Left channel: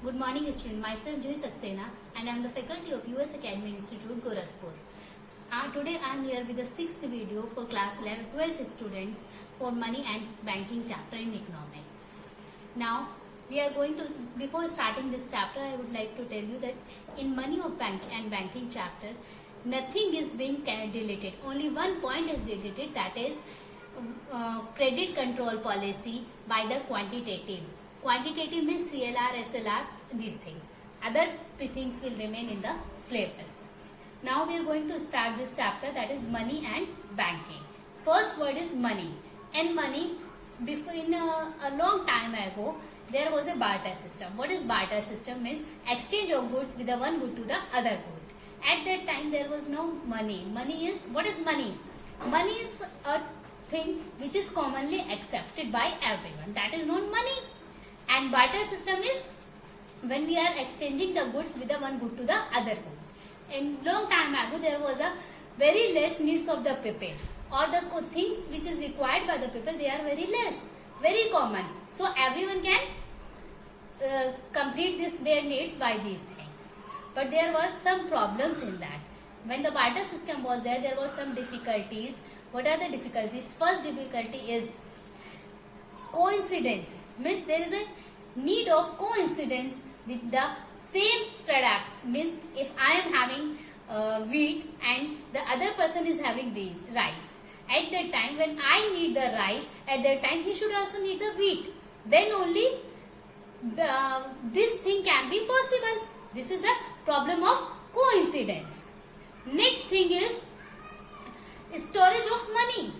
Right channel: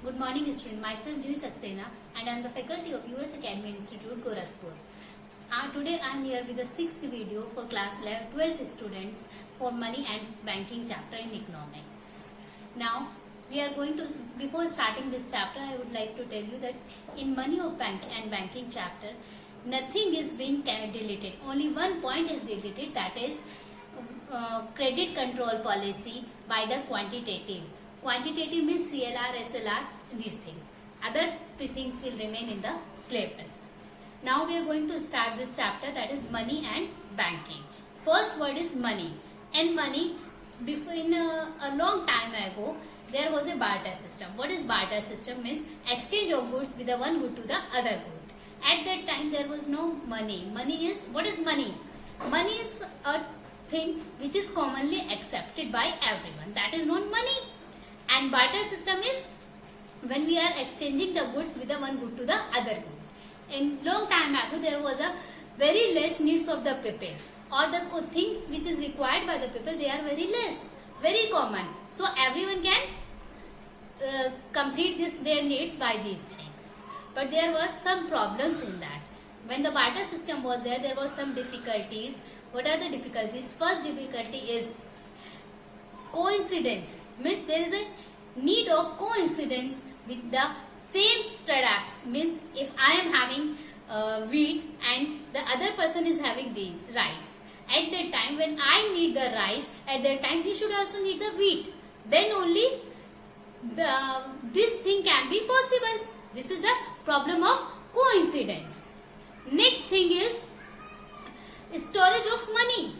Good morning, student. Myself Joy Saxena, and I am the faculty of US Academy Institute, Gorakhpur. Today I am here with the sixth video for class 12th students for money and banking chapter in economics. Now we are going to, before starting this chapter, I would like to tell you that in money of bank and banking chapter, nothing is being deleted. Only one point is deleted, that is credit control policy by the quantitative. Quantitative means CLR, SLR, these things. Other things will remain in the syllabus. Now we are going to start this chapter, that is money and banking. First word is money. And money, before in a long time ago, there was a barter system. What is barter system? Means exchange of goods with the one good to the other good. At that time there was no money. Money is, what is money? Money is a thing which is commonly accepted by everyone. That is known money. And barter system is when we are exchanging the goods with the one good to the other good. In long time ago, there was a very less needs of the people, or the things which is required by the people, they are very less, very common. So everyone can complete their needs by these things. But there was some problems in that. When the barter system was there was some difficulties. What are the difficulties? First difficulty is coincidence. Means there is a need of coincidence with the same products. Means if I am having wheat and the other person is having the rice, at that time when I need the rice, at that time he should also need the wheat. Then only this thing can be possible. This is a problem of coincidence. Next thing is storage of money.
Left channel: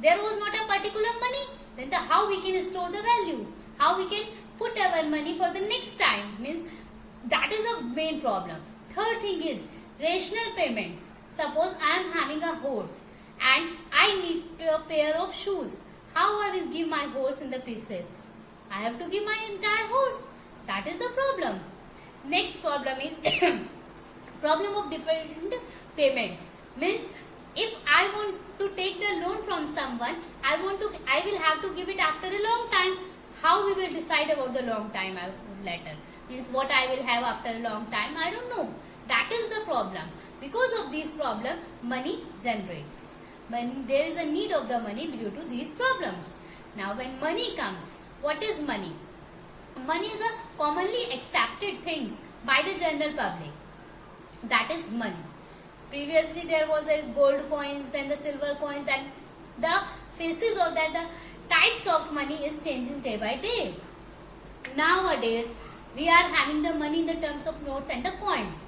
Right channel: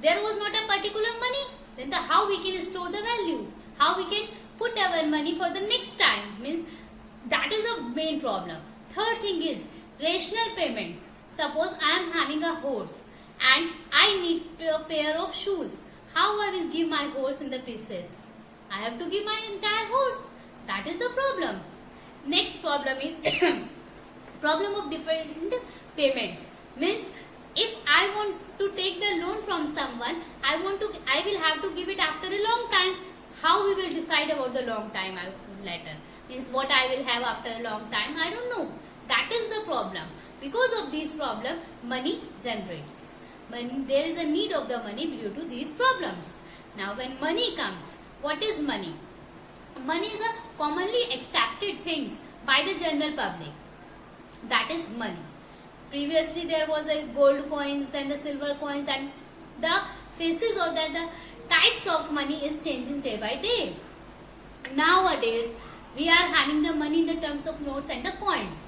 There was not a particular money. Then how we can store the value? How we can put our money for the next time? Means that is the main problem. Third thing is rational payments. Suppose I am having a horse and I need a pair of shoes. How I will give my horse in the pieces? I have to give my entire horse. That is the problem. Next problem is problem of different payments. Means if I want to take the loan from someone, I will have to give it after a long time. How we will decide about the long time later? Means what I will have after a long time, I don't know. That is the problem. Because of this problem, money generates. When there is a need of the money due to these problems. Now when money comes, what is money? Money is a commonly accepted things by the general public. That is money. Previously there was a gold coins, then the silver coins, and the faces of that, the types of money is changing day by day. Nowadays we are having the money in the terms of notes and the coins.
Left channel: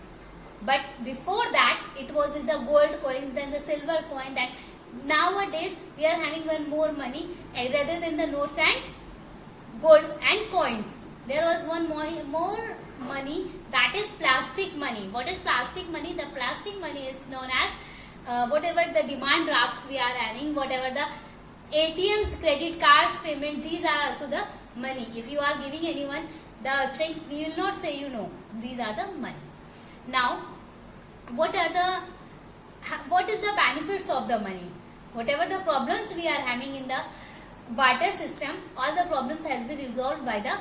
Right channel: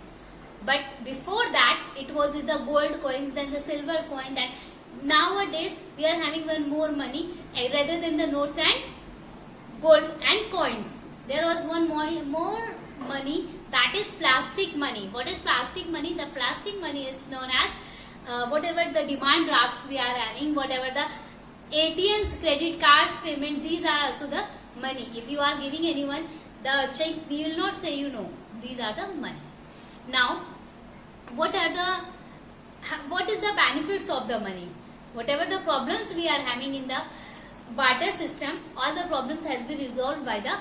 But before that it was with the gold coins, then the silver coin. That nowadays we are having one more money rather than the notes and gold and coins. There was one more money, that is plastic money. What is plastic money? The plastic money is known as whatever the demand drafts we are having, whatever the ATMs, credit cards, payment, these are also the money. If you are giving anyone the check, he will not say these are the money. Now, what is the benefits of the money? Whatever the problems we are having in the barter system, all the problems has been resolved by the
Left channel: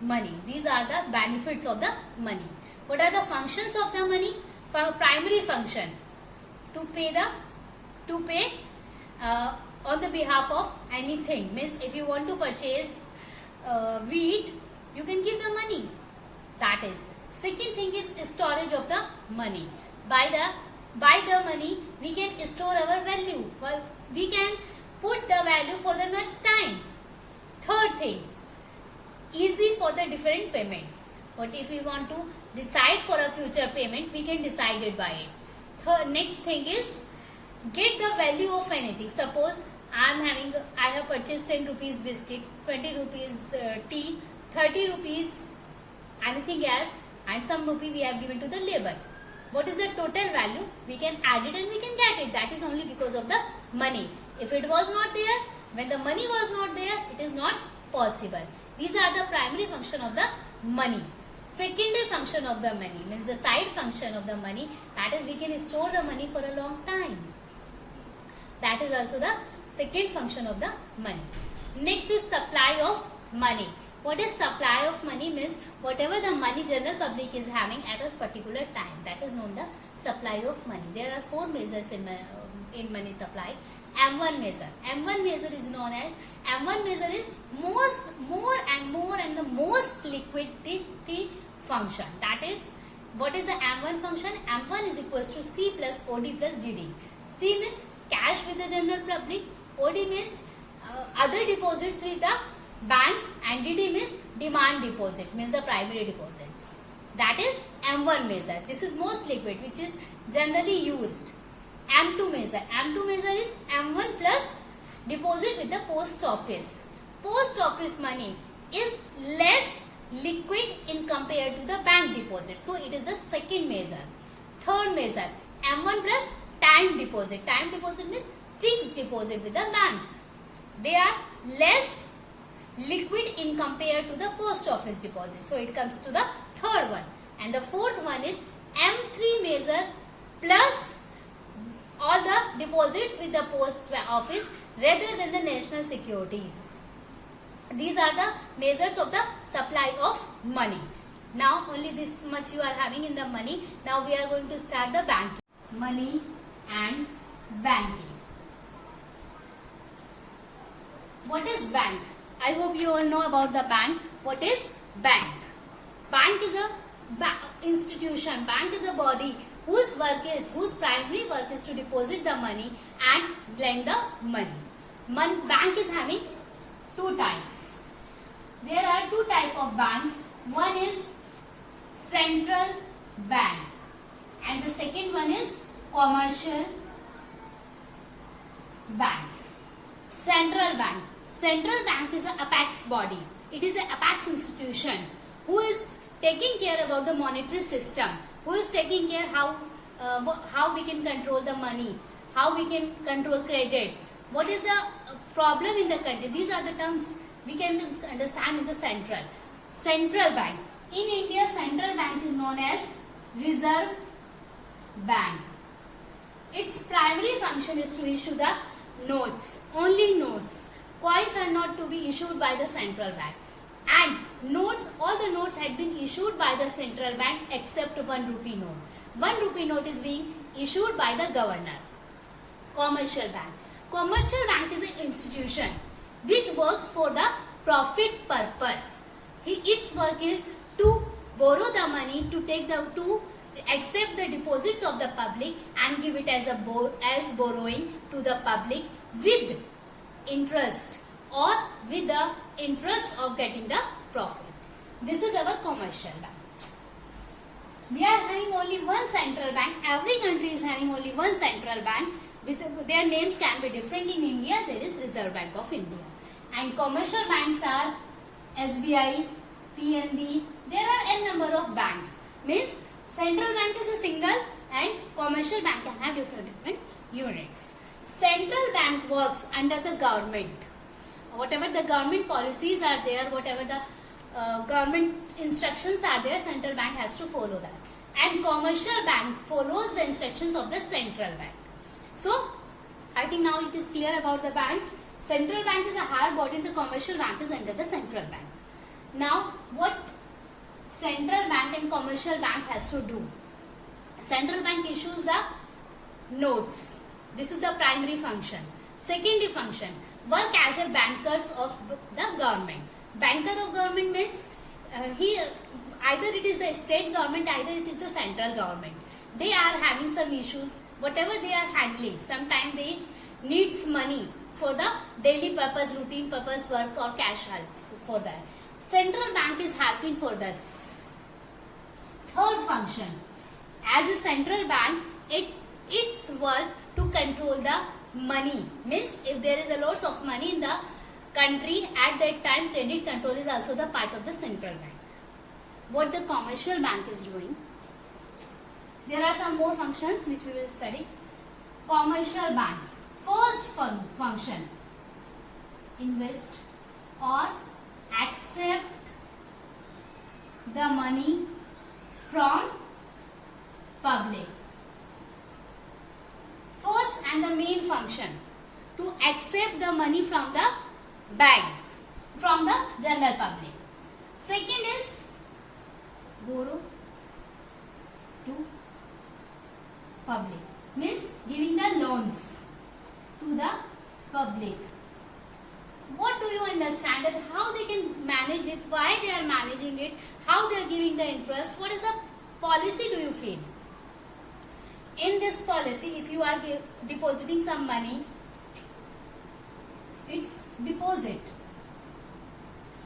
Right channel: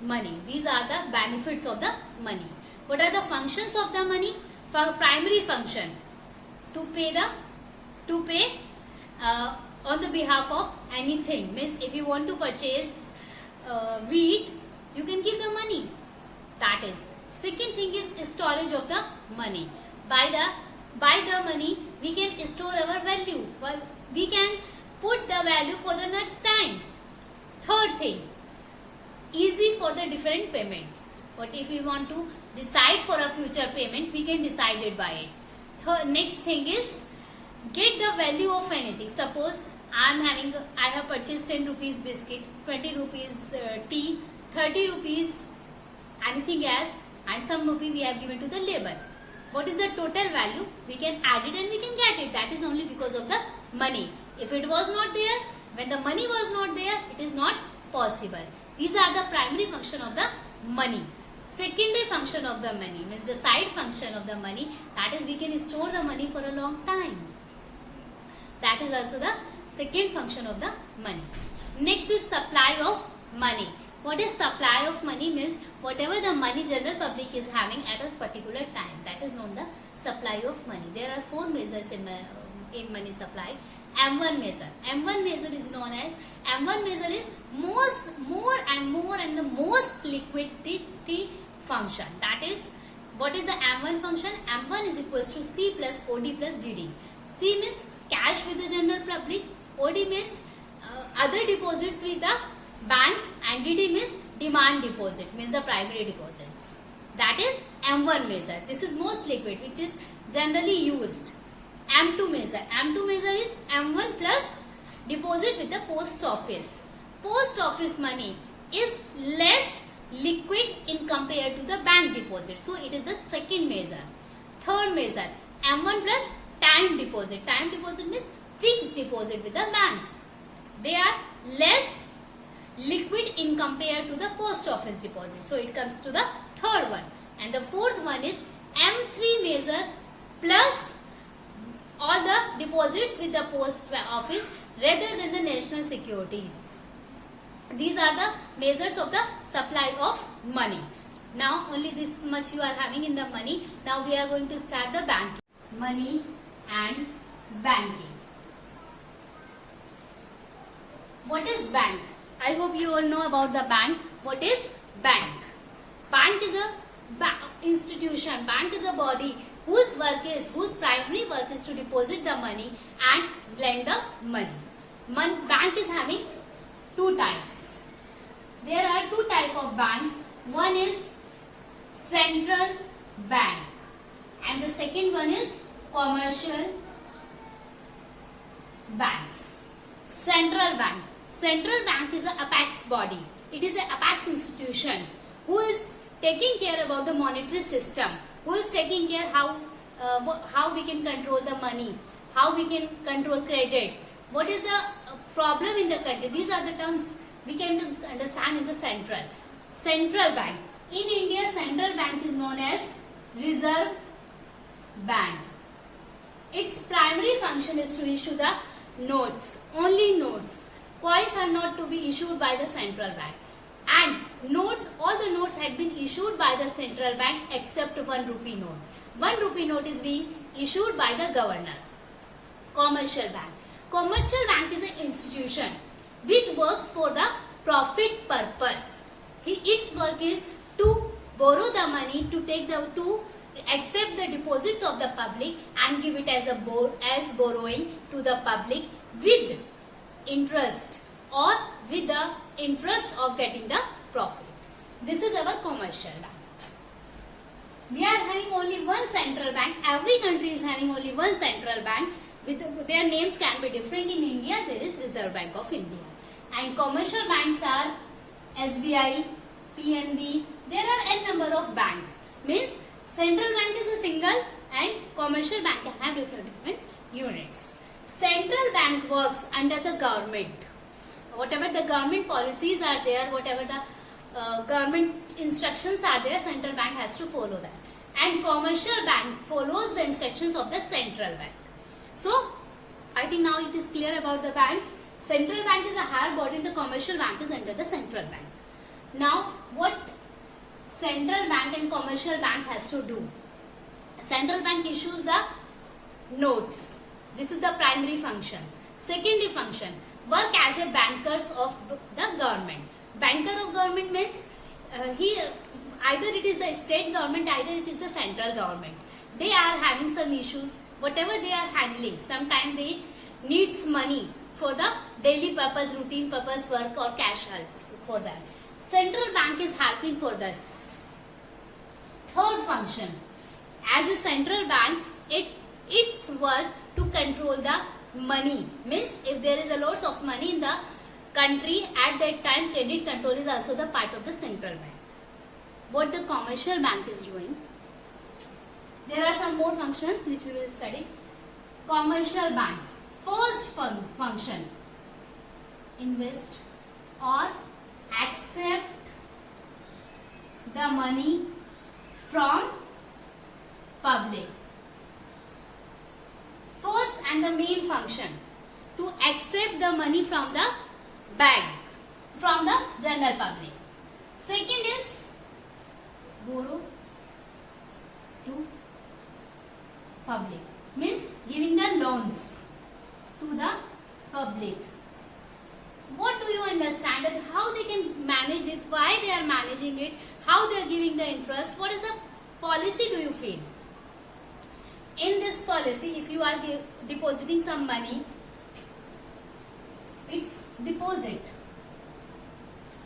money. These are the benefits of the money. What are the functions of the money? Primary function, to pay on the behalf of anything. Means if you want to purchase wheat, you can give the money. That is. Second thing is storage of the money. By the money we can store our value. We can put the value for the next time. Third thing, easy for the different payments. But if we want to decide for a future payment, we can decide it by it. Next thing is get the value of anything. Suppose I have purchased 10 rupees biscuit, 20 rupees tea, 30 rupees anything else, and some rupee we have given to the labor. What is the total value? We can add it and we can get it. That is only because of the money. If it was not there, when the money was not there, it is not possible. These are the primary function of the money. Secondary function of the money means the side function of the money, that is we can store the money for a long time. That is also the second function of the money. Next is supply of money. What is supply of money means whatever the money general public is having at a particular time. That is known the supply of money. There are four measures in money supply. M1 measure. M1 measure is known as M1 measure is more and the most liquidity function. That is, what is the M1 function? M1 is equals to C plus OD plus DD. C means cash with the general public. OD means other deposits with the banks, and DD means demand deposit, means the primary deposits. That is M1 measure. This is most liquid, which is generally used. M2 measure. M2 measure is M1 plus deposit with the post office. Post office money is less liquid in compared to the bank deposit. So it is the second measure. Third measure, M1 plus time deposit. Time deposit means fixed deposit with the banks. They are less liquid in compared to the post office deposit. So it comes to the third one. And the fourth one is M3 measure plus all the deposits with the post office rather than the national securities. These are the measures of the supply of money. Now only this much you are having in the money. Now we are going to start the banking. Money and banking. What is bank? I hope you all know about the bank. What is bank? Bank is a institution. Bank is a body whose primary work is to deposit the money and lend the money. Bank is having two types. There are two types of banks. One is central bank and the second one is commercial banks. Central bank. Central bank is an apex body. It is an apex institution who is taking care about the monetary system, who is taking care how we can control the money, how we can control credit, what is the problem in the country. These are the terms we can understand in the central bank. In India, central bank is known as Reserve Bank. Its primary function is to issue the notes, only notes. Coins are not to be issued by the central bank. And notes, all the notes had been issued by the central bank except 1 rupee note. 1 rupee note is being issued by the governor. Commercial bank. Commercial bank is an institution which works for the profit purpose. Its work is to borrow the money, to accept the deposits of the public and give it as borrowing to the public with interest or with the interest of getting the profit. This is our commercial bank. We are having only one central bank. Every country is having only one central bank. Their names can be different. In India, there is Reserve Bank of India. And commercial banks are SBI, PNB. There are n number of banks. Means central bank is a single and commercial bank can have different units. Central bank works under the government. Whatever the government policies are there, whatever the government instructions are there, central bank has to follow that. And commercial bank follows the instructions of the central bank. So, I think now it is clear about the banks. Central bank is a higher body, the commercial bank is under the central bank. Now, what central bank and commercial bank has to do? Central bank issues the notes. This is the primary function. Secondary function, work as a bankers of the government. Banker of government means either it is the state government, either it is the central government. They are having some issues, whatever they are handling. Sometimes they needs money for the daily purpose, routine purpose work or cash helps for that. Central bank is helping for this. Third function, as a central bank, its work to control the money. Means if there is a loss of money in the country, at that time credit control is also the part of the central bank. What the commercial bank is doing? There are some more functions which we will study. Commercial banks. First function, invest or accept the money from public. First and the main function, to accept the money from the bank, from the general public. public. Means giving the loans to the public. What do you understand that how they can manage it, why they are managing it, how they are giving the interest, what is the policy do you feel? In this policy, if you are depositing some money, it's deposit.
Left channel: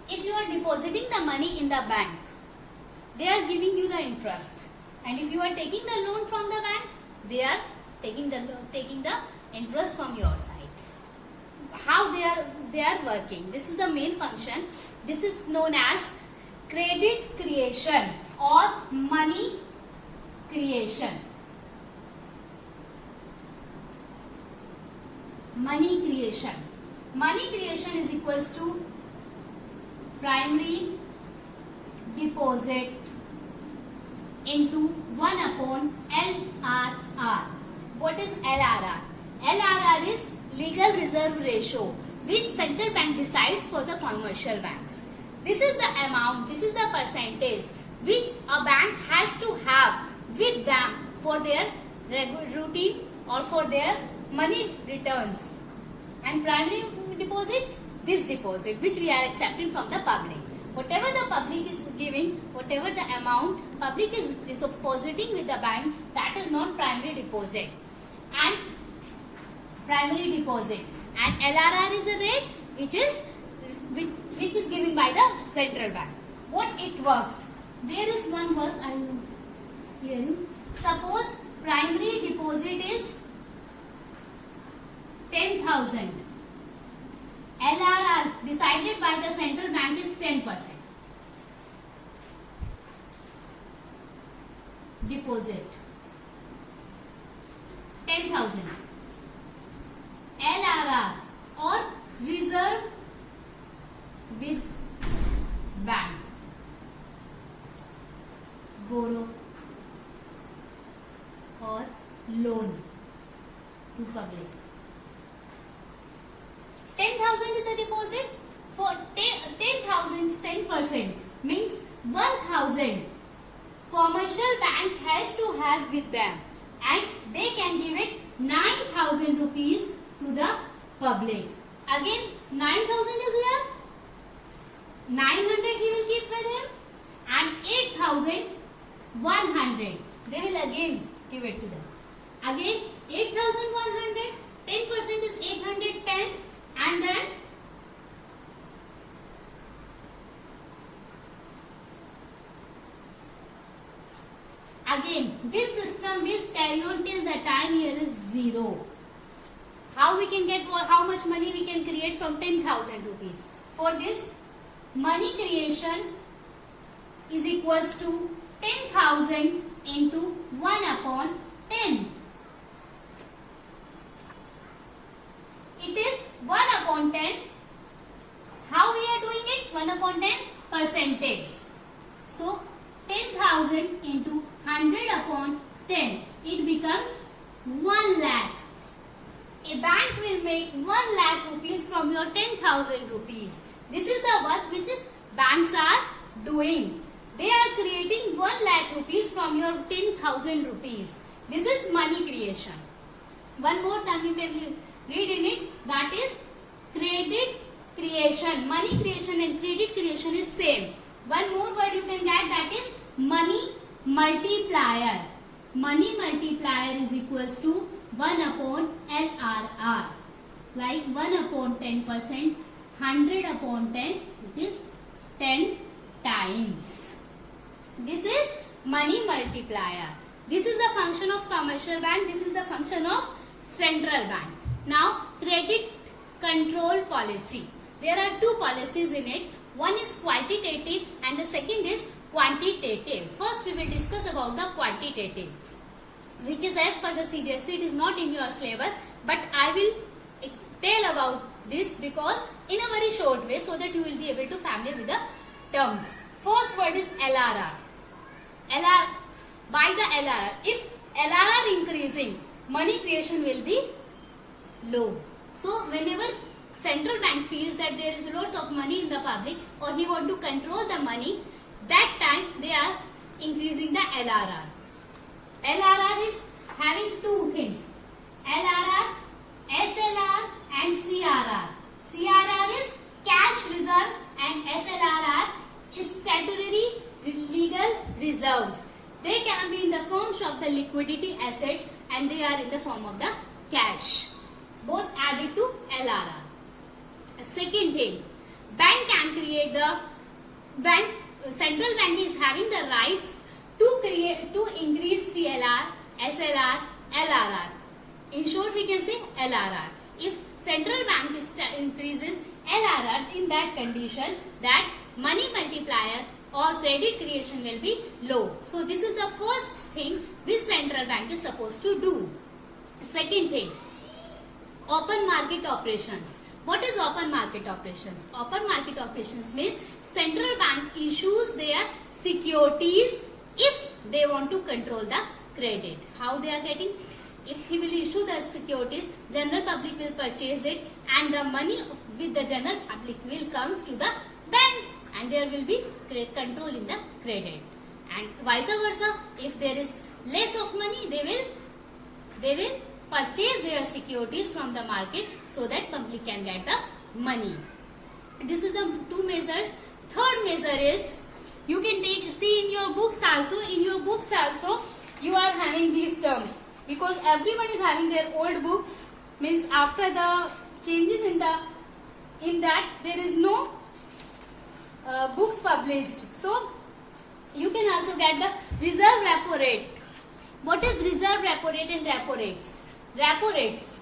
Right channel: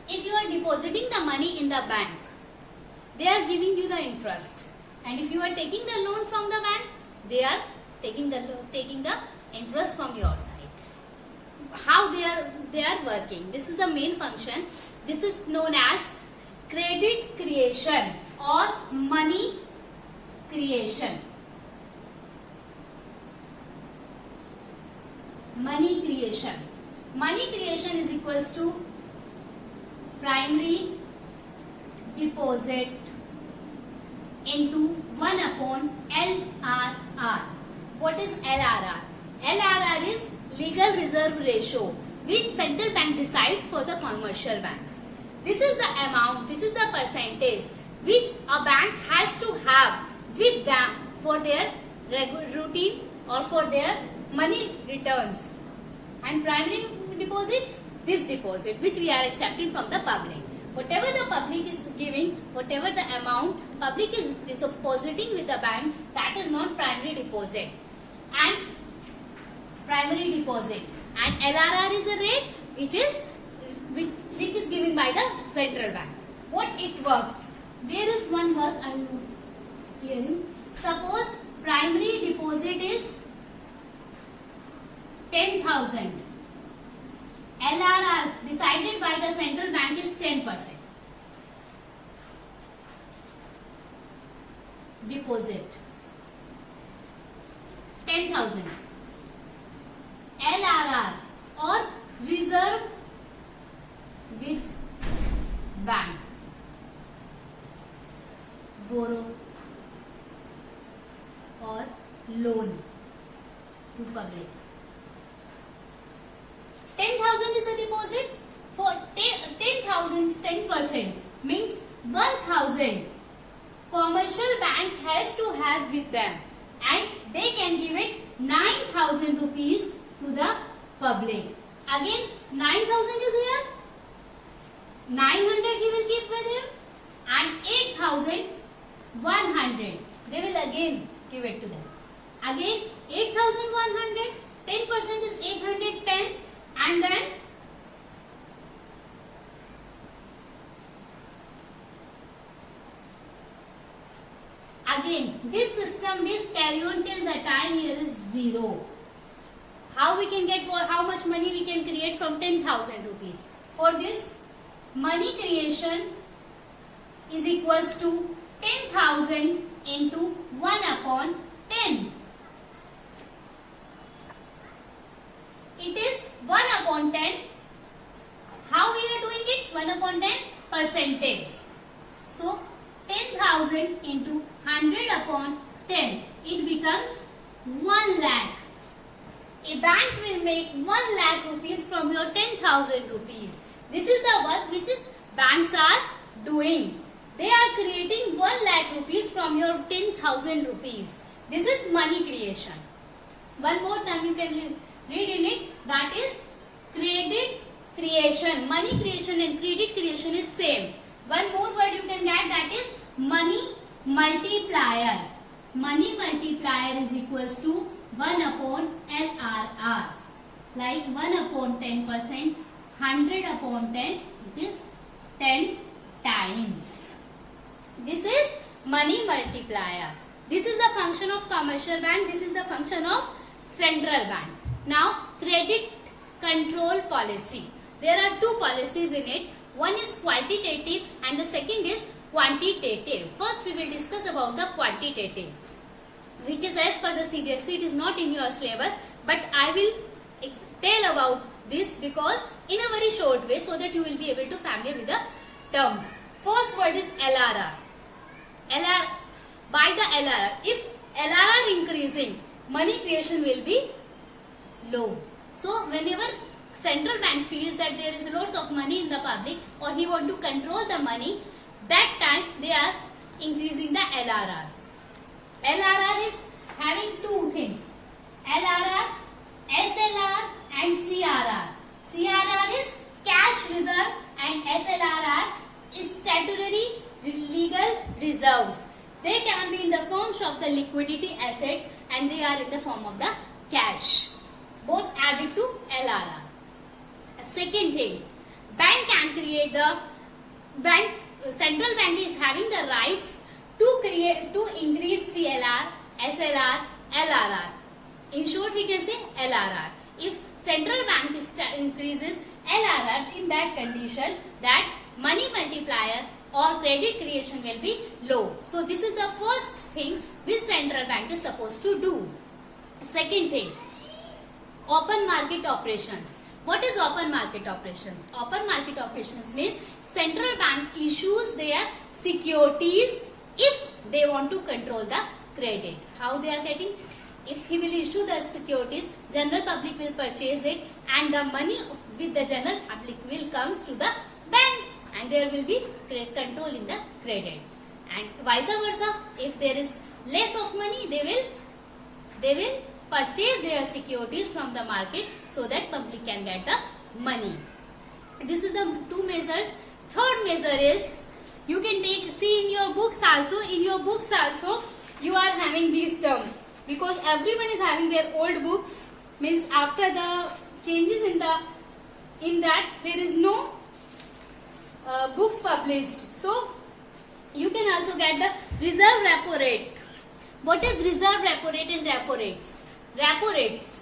If you are depositing the money in the bank, they are giving you the interest. And if you are taking the loan from the bank, they are taking the interest from your side. How they are working. This is the main function. This is known as credit creation or money creation. Money creation. Money creation is equals to primary deposit into 1 upon LRR. What is LRR? LRR is legal reserve ratio, which central bank decides for the commercial banks. This is the amount, this is the percentage which a bank has to have with them for their routine or for their money returns. And primary deposit, this deposit which we are accepting from the public. Whatever the public is giving, whatever the amount public is depositing with the bank, that is not primary deposit. And primary deposit. And LRR is a rate which is given by the central bank. What it works? There is one work I am clearing. Suppose primary deposit is 10,000. LRR decided by the central bank is 10%. Deposit 10,000. LRR or reserve with bank. Borrow or loan to public. 10,000 is the deposit. For 10,000 10% means 1,000 commercial bank has to have with them, and they can give it 9,000 rupees to the public. Again 9,000 is here, 900 he will keep with him, and 8,100 they will again give it to them. Again 8,100, 10% is 810, and then again this system will carry on till the time here is 0. How we can get how much money we can create from 10,000 rupees? For this, money creation is equals to 10,000 into 1 upon 10. It is 1 upon 10. How we are doing it? 1 upon 10 percentage. So 10,000 into 100 upon 10. It becomes 1 lakh. A bank will make 1 lakh rupees from your 10,000 rupees. This is the work which banks are doing. They are creating 1 lakh rupees from your 10,000 rupees. This is money creation. One more time you can read in it, that is credit creation. Money creation and credit creation is same. One more word you can get, that is money multiplier. Money multiplier is equals to 1 upon LRR. Like 1 upon 10%, 100 upon 10, it is 10 times. This is money multiplier. This is the function of commercial bank. This is the function of central bank. Now, credit control policy. There are two policies in it. One is quantitative and the second is quantitative. First, we will discuss about the quantitative, which is as per the CBSE. It is not in your syllabus, but I will tell about this because in a very short way, so that you will be able to familiar with the terms. First word is LRR. By the LRR, if LRR increasing, money creation will be low. So whenever central bank feels that there is lots of money in the public or he want to control the money, that time they are increasing the LRR. LRR is having two things, LRR, SLR and CRR. CRR is cash reserve and SLRR is statutory legal reserves. They can be in the forms of the liquidity assets and they are in the form of the cash. Both added to LRR. Second thing, bank can create the central bank is having the rights to increase CLR, SLR, LRR. In short, we can say LRR. If central bank increases LRR, in that condition, that money multiplier or credit creation will be low. So this is the first thing which central bank is supposed to do. Second thing, open market operations. What is open market operations? Open market operations means central bank issues their securities if they want to control the credit. How they are getting? If he will issue the securities, general public will purchase it and the money with the general public will comes to the bank and there will be control in the credit. And vice versa, if there is less of money, they will purchase their securities from the market so that public can get the money. This is the two measures. Third measure is, you can see in your books also, you are having these terms because everyone is having their old books, means after the changes in that there is no books published. So you can also get the reserve repo rate. What is reserve repo rate and repo rates? Repo rates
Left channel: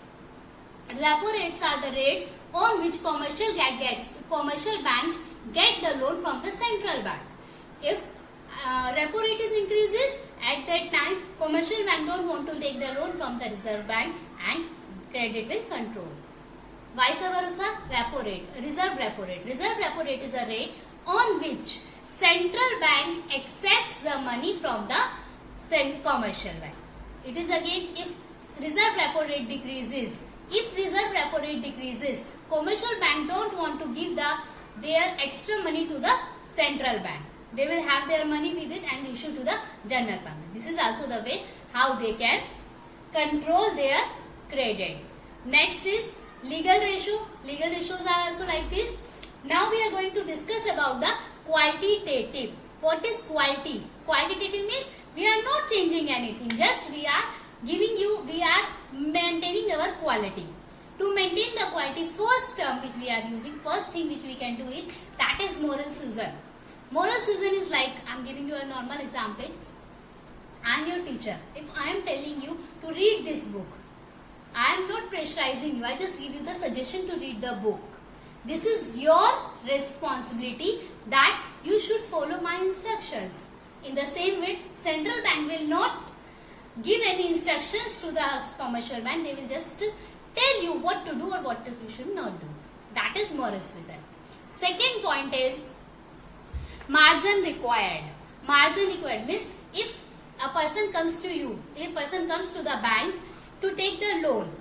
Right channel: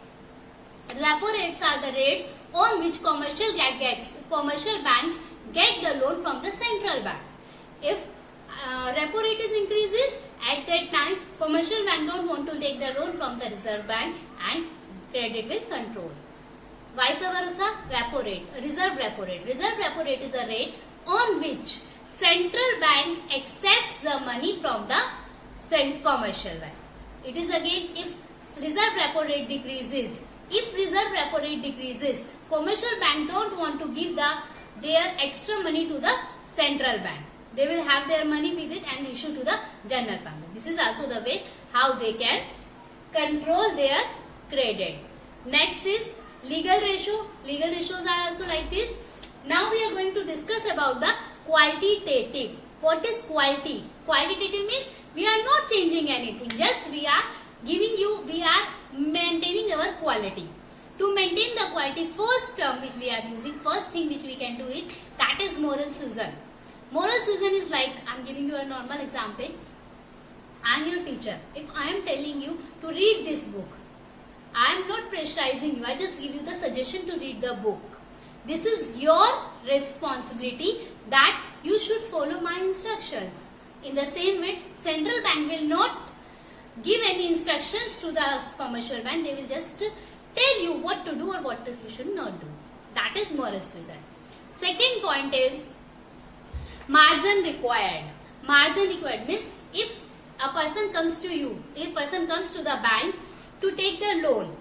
are the rates on which commercial banks get the loan from the central bank. If repo rate is increases, at that time commercial bank don't want to take the loan from the reserve bank and credit will control. Vice versa, repo rate, reserve repo rate. Reserve repo rate is a rate on which central bank accepts the money from the commercial bank. It is again, if reserve repo rate decreases, commercial bank don't want to give their extra money to the central bank. They will have their money with it and issue to the general public. This is also the way how they can control their credit. Next is legal ratio. Legal ratios are also like this. Now we are going to discuss about the qualitative. What is quality? Qualitative means we are not changing anything. Just we are maintaining our quality. To maintain the quality, first term which we are using, first thing which we can do is, that is moral suasion. Moral suasion is like, I am giving you a normal example. I am your teacher. If I am telling you to read this book, I am not pressurizing you. I just give you the suggestion to read the book. This is your responsibility that you should follow my instructions. In the same way, central bank will not give any instructions to the commercial bank. They will just tell you what to do or what you should not do. That is moral suasion. Second point is margin required. Margin required means if a person comes to you, to the bank to take the loan,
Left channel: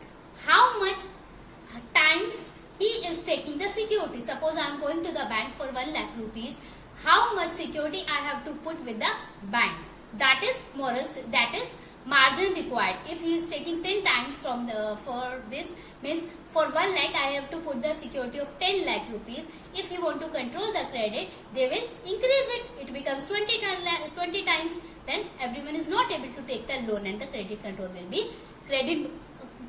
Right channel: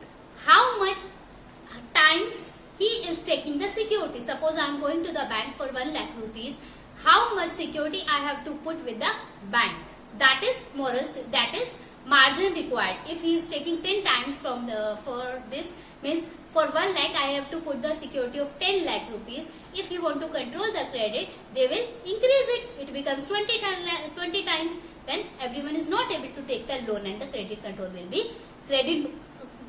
how much times he is taking the security. Suppose I am going to the bank for 1 lakh rupees. How much security I have to put with the bank? That is margin required. If he is taking 10 times for this, means for 1 lakh I have to put the security of 10 lakh rupees. If you want to control the credit, they will increase it. It becomes 20 times. Then everyone is not able to take the loan and the credit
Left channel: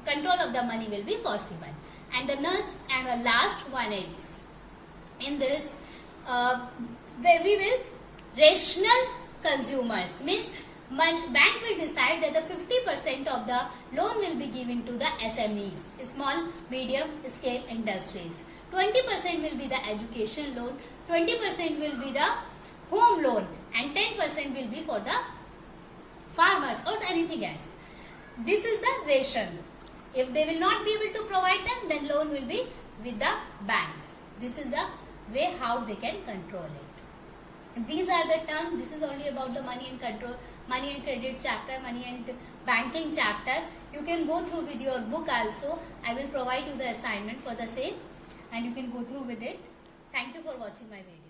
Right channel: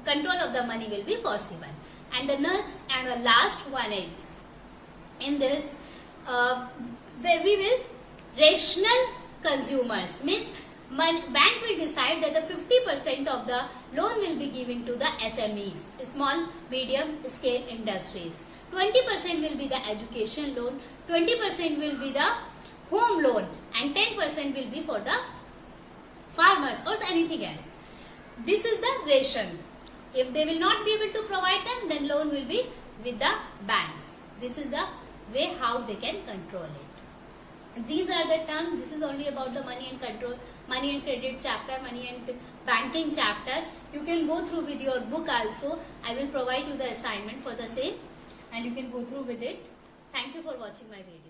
control of the money will be possible. And the next and the last one is, in this, we will rational consumers, means bank will decide that the 50% of the loan will be given to the SMEs, small medium scale industries. 20% will be the education loan, 20% will be the home loan, and 10% will be for the farmers or anything else. This is the ration. If they will not be able to provide them, then loan will be with the banks. This is the way how they can control it. These are the terms. This is only about the money and control, money and credit chapter, money and banking chapter. You can go through with your book also. I will provide you the assignment for the same and you can go through with it. Thank you for watching my video.